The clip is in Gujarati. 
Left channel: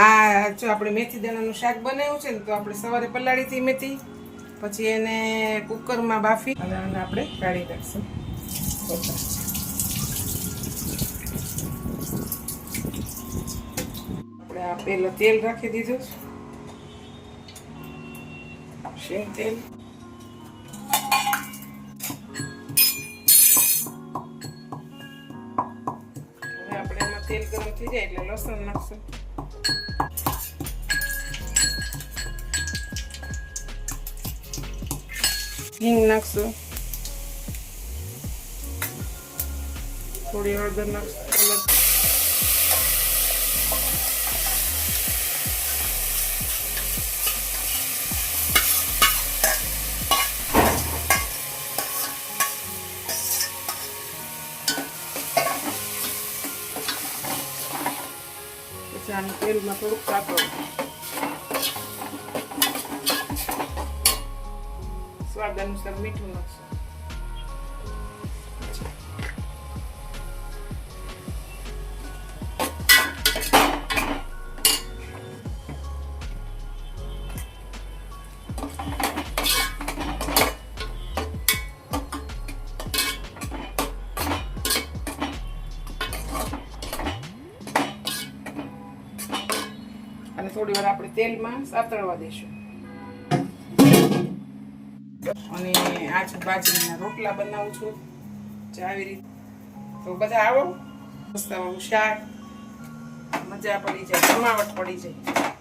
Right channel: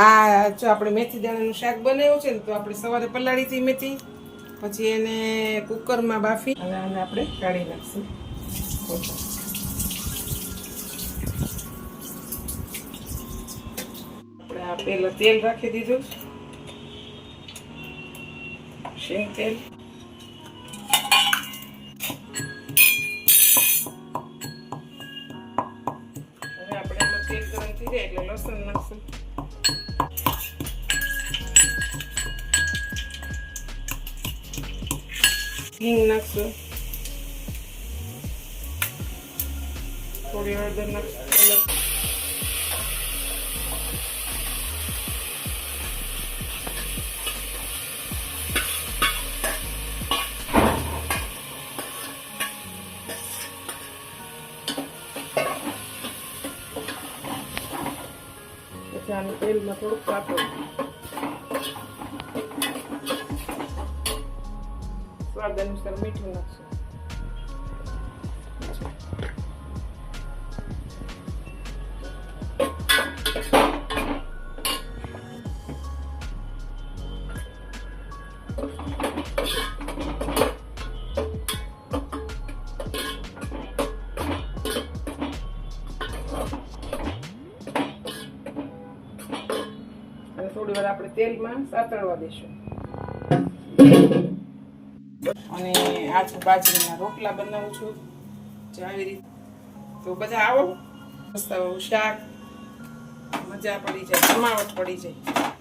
આ જો આપણે મેથી દાણાનું શાક બનાવ્યું છે ને, તો આપણે સવારે પલાળી હતી મેથી, પછી એને કુકરમાં બાફી અને આપણે કાઢી નાખશું. આપણે આ પેલા તેલ રાખી દીધું, શેંગ તેલ. હવે આપણે એમાં તેલ ગરમ થઈ જાય એટલે લસણ નાખશું. હિંગ નાખશું, થોડી હળદર નાખશું. પછી આનું તેલમાં થોડુંક સાકર, સ્વાદ અનુસાર મીઠું નાખશું. અને થોડી વાર આપણે તેલમાં સાતળવા દઈશું. અને આ છું બાજરીના રોટલા બનાવું છું આવી રીતે. તો બધા આવો, મસ્ત શાક, મજા પડી જાય, જમાવટ પડી જાય.